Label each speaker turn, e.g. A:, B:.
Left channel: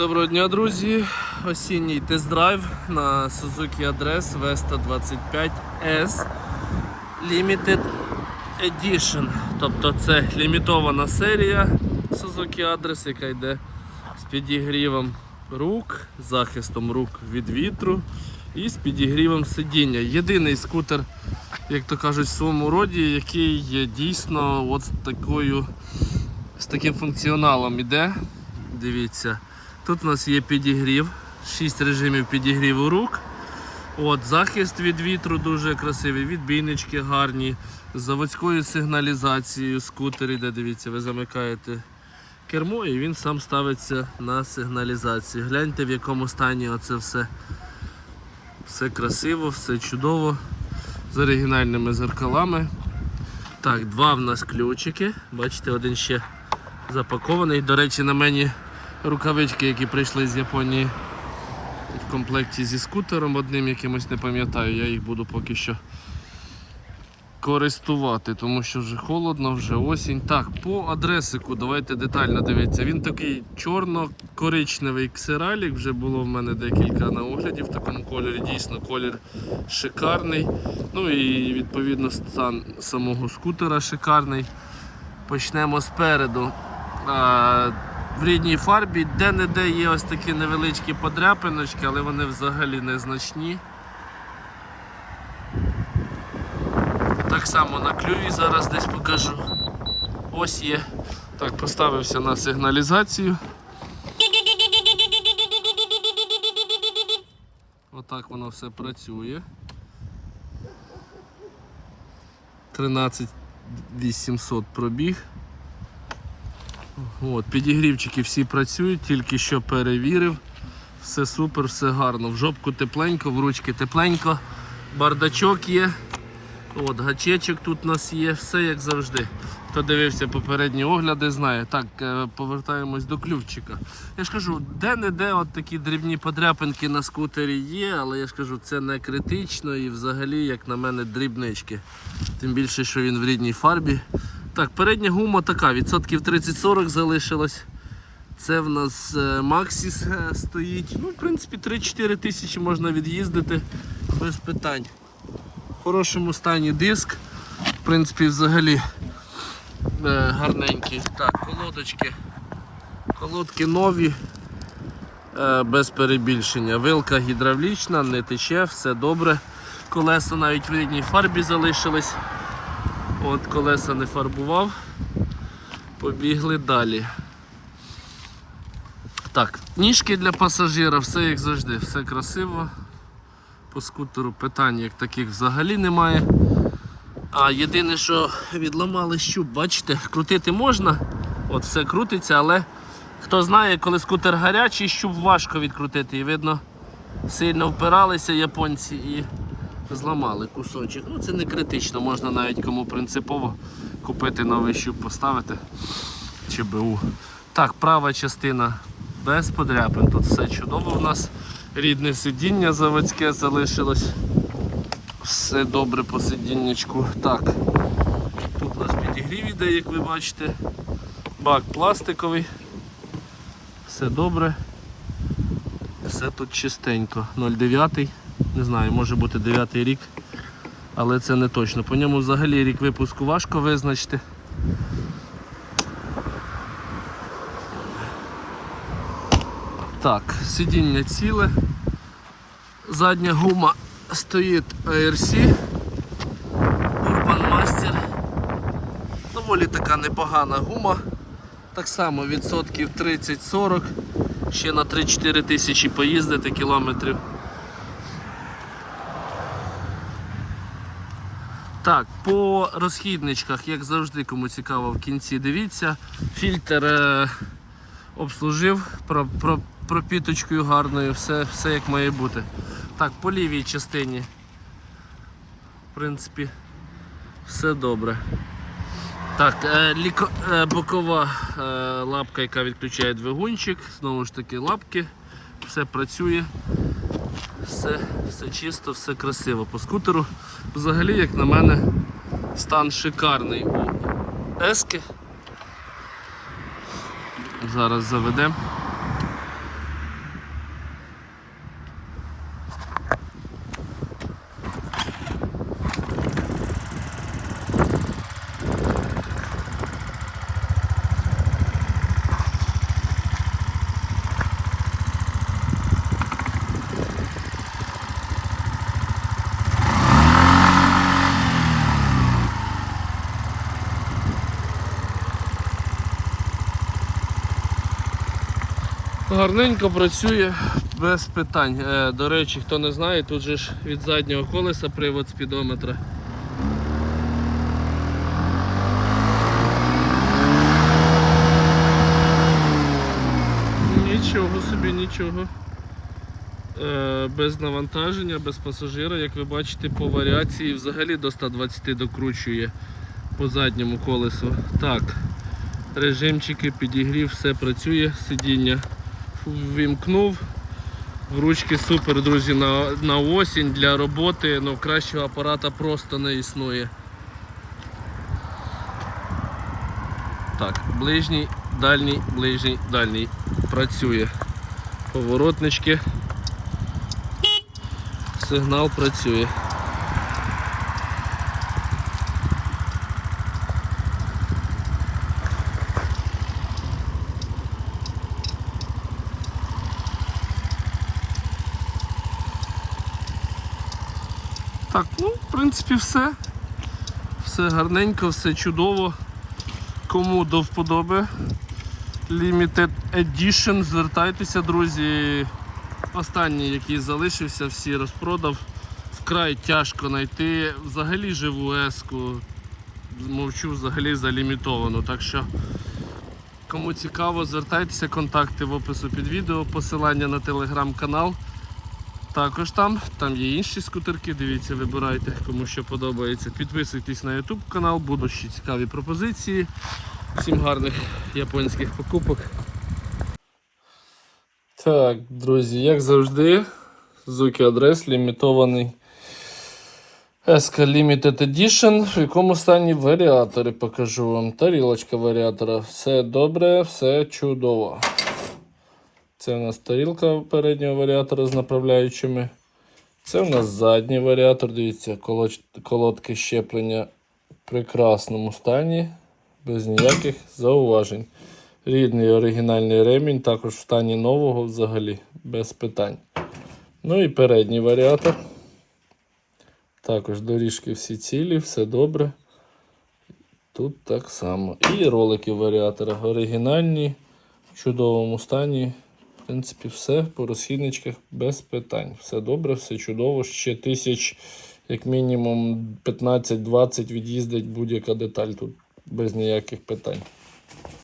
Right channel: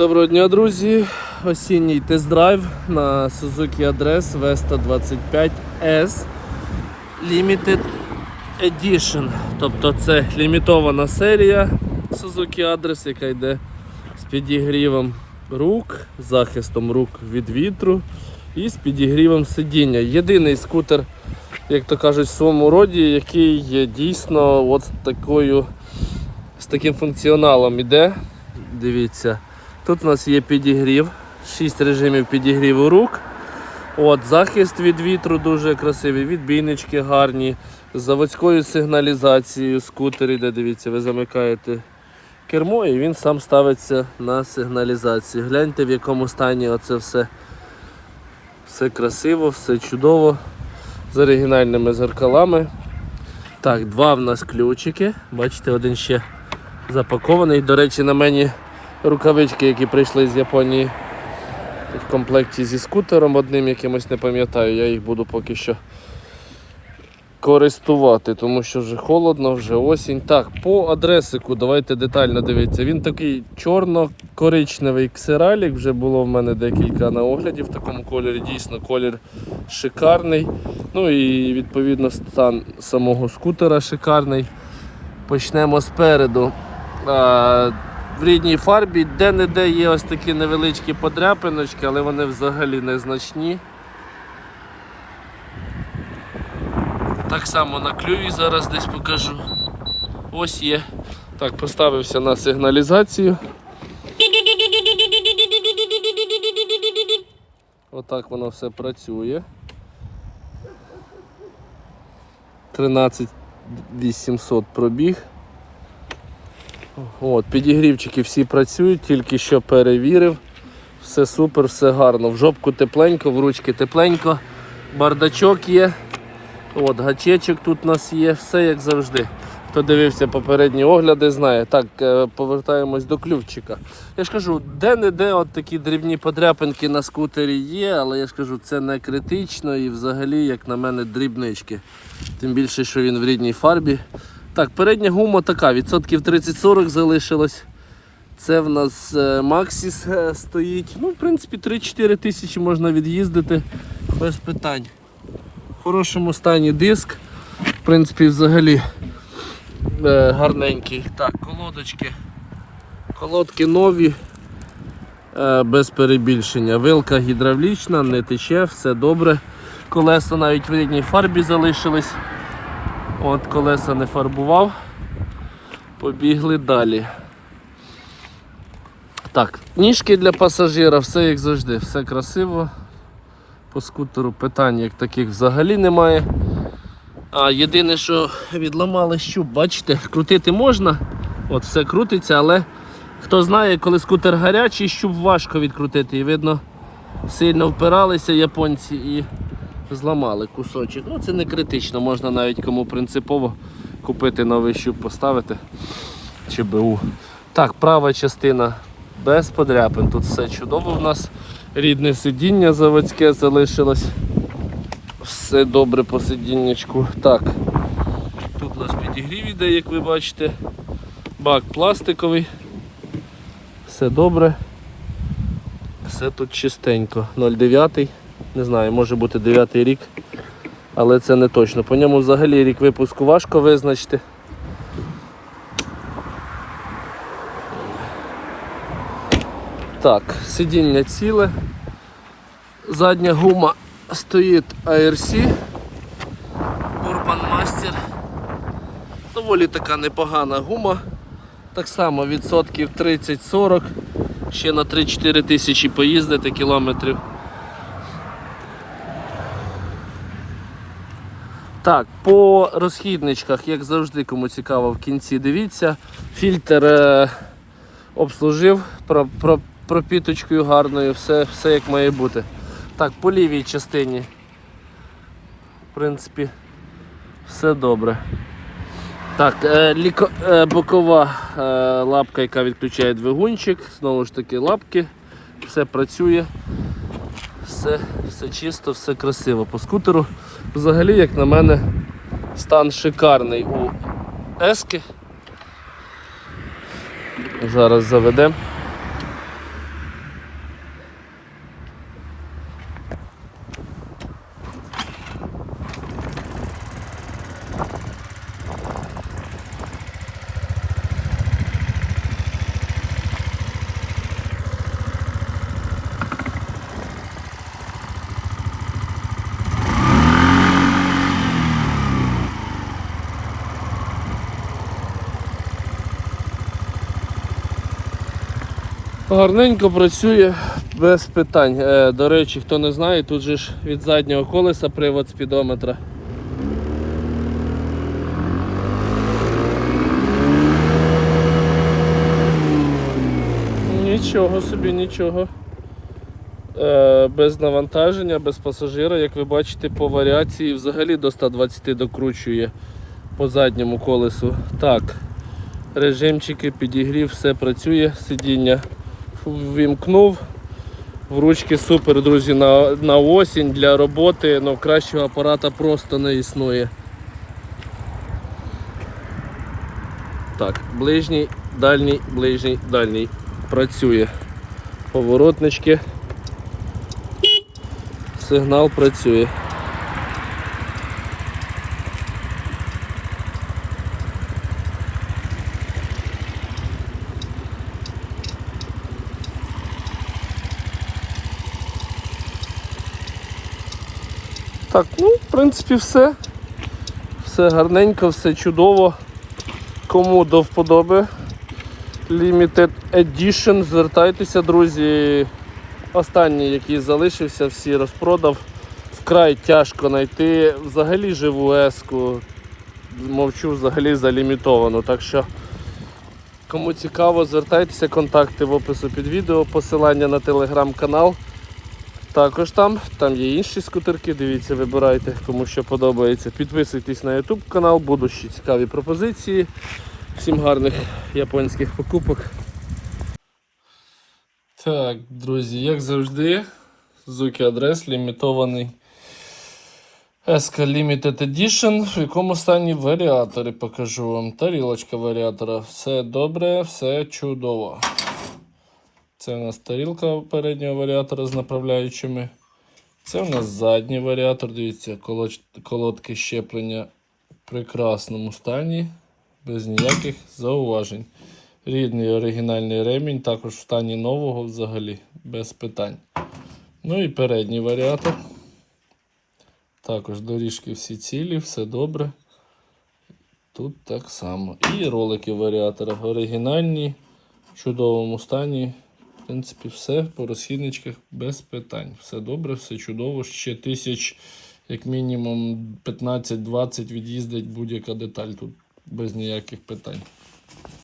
A: Доброго дня, друзі! Осінній тест-драйв на Suzuki Address Vesta 25S Limited Edition. Тобто це лімітована серія Suzuki Address, яка йде з підігрівом рук, захистом рук від вітру і з підігрівом сидіння. Єдиний скутер, як то кажуть, в своєму роді, який є дійсно от з такою з таким функціоналом іде. Дивіться. Тут у нас є підігрів, 6 режимів підігріву рук. От, захист від вітру дуже красивий, відбійнички гарні, з заводською сигналізацією, скутер іде, дивіться, ви замикаєте кермо і він сам ставиться на сигналізацію. Гляньте в якому стані оце все. Все красиво, все чудово. З оригінальними зеркалами. Так, два в нас ключики. Бачите, один ще запакований. До речі, на мені рукавички, які прийшли з Японії в комплекті зі скутером одним якимось не пам'ятаю, я їх буду поки що користувати, тому що вже холодно, вже осінь. Так, по адресику давайте детально дивитися. Він такий чорно-коричневий ксералік, вже було в мене декілька на огляді в такому кольорі. Дійсно, колір шикарний. Ну і відповідно стан самого скутера шикарний. Почнемо спереду. В рідній фарбі де-не-де є ось такі невеличкі подряпиночки, але вони взагалі незначні. Так само на клюві зараз десь покажу. Ось є. Так, поставився на сигналізацію. Отак воно все працює. 13 800 пробіг. От, підігрівчики всі працюють, тільки що перевірив. Все супер, все гарно. В жопку тепленько, в ручки тепленько, бардачок є. От, гачечок тут у нас є, все як завжди. Хто дивився попередні огляди, знає. Так, е, повертаємось до ключика. Я ж кажу, де-не-де от такі дрібні подряпинки на скутері є, але я ж кажу, це не критично і взагалі, як на мене, дрібнички. Тим більше, що він в рідній фарбі. Так, передня гума така, відсотків 30-40 залишилось. Це в нас е, Максіс е, стоїть. Ну, в принципі, 3-4 тисячі можна від'їздити без питань. В хорошому стані диск. В принципі, взагалі е, гарненький. Так, колодочки. Колодки нові, е, без перебільшення. Вилка гідравлічна, не тече, все добре. Колеса навіть в рідній фарбі залишились. От колеса не фарбував. Побігли далі. Так, ніжки для пасажира, все як завжди, все красиво. По скутеру питань як таких взагалі немає. А єдине, що відламали щуп, бачите, крутити можна, от все крутиться, але хто знає, коли скутер гарячий, щуп важко відкрутити. І видно, сильно впиралися японці і зламали кусочок. Ну це не критично, можна навіть кому принципово купити новий щуп, поставити чи БУ. Так, права частина без подряпин. Тут все чудово в нас. Рідне сидіння заводське залишилось. Все добре по сидіннячку. Так. Тут у нас підігрів іде, як ви бачите. Бак пластиковий. Все добре. Все тут чистенько. 09. Не знаю, може бути 9 рік. Але це не точно. По ньому взагалі рік випуску важко визначити. Так, сидіння ціле. Задня гума стоїть ARC Urban Master. Доволі така непогана гума. Так само відсотків 30-40. Ще на 3-4 тисячі поїздити кілометрів. Так, по розхідничках, як завжди, кому цікаво, в кінці дивіться. Фільтр е, обслужив про, про, пропіточкою гарною, все, все як має бути. Так, по лівій частині, в принципі, все добре. Так, е, ліко, е, бокова е, лапка, яка відключає двигунчик, знову ж таки лапки, все працює, все, все чисто, все красиво по скутеру. Взагалі, як на мене, стан шикарний у Ески. Зараз заведемо. Гарненько працює без питань. Е, до речі, хто не знає, тут же ж від заднього колеса привод спідометра. Нічого собі, нічого. Е, без навантаження, без пасажира, як ви бачите, по варіації взагалі до 120 докручує по задньому колесу. Так, режимчики, підігрів, все працює, сидіння ввімкнув. В ручки супер, друзі, на, на осінь для роботи, ну кращого апарата просто не існує. Так, ближній, дальній, ближній, дальній працює. Поворотнички. Сигнал працює. Так, ну, в принципі, все. Все гарненько, все чудово. Кому до вподоби Limited Edition, звертайтеся, друзі. Останній, який залишився, всі розпродав. Вкрай тяжко знайти взагалі живу еску. Мовчу взагалі за лімітовану. Так що, кому цікаво, звертайтеся, контакти в опису під відео, посилання на телеграм-канал. Також там, там є інші скутерки, дивіться, вибирайте, кому що подобається. Підписуйтесь на YouTube канал, будуть ще цікаві пропозиції. Всім гарних японських покупок. Так, друзі, як завжди, Suzuki адрес лімітований SK Limited Edition, в якому стані варіатори покажу вам. Тарілочка варіатора. Все добре, все чудово. Це у нас тарілка переднього варіатора з направляючими. Це у нас задній варіатор. Дивіться, колодки щеплення в прекрасному стані, без ніяких зауважень. Рідний оригінальний ремінь, також в стані нового взагалі, без питань. Ну і передній варіатор. Також доріжки всі цілі, все добре. Тут так само. І ролики варіатора оригінальні, в чудовому стані. Принципі, все по розхідничках без питань. Все добре, все чудово. Ще тисяч, як мінімум, 15-20 від'їздить будь-яка деталь тут без ніяких питань.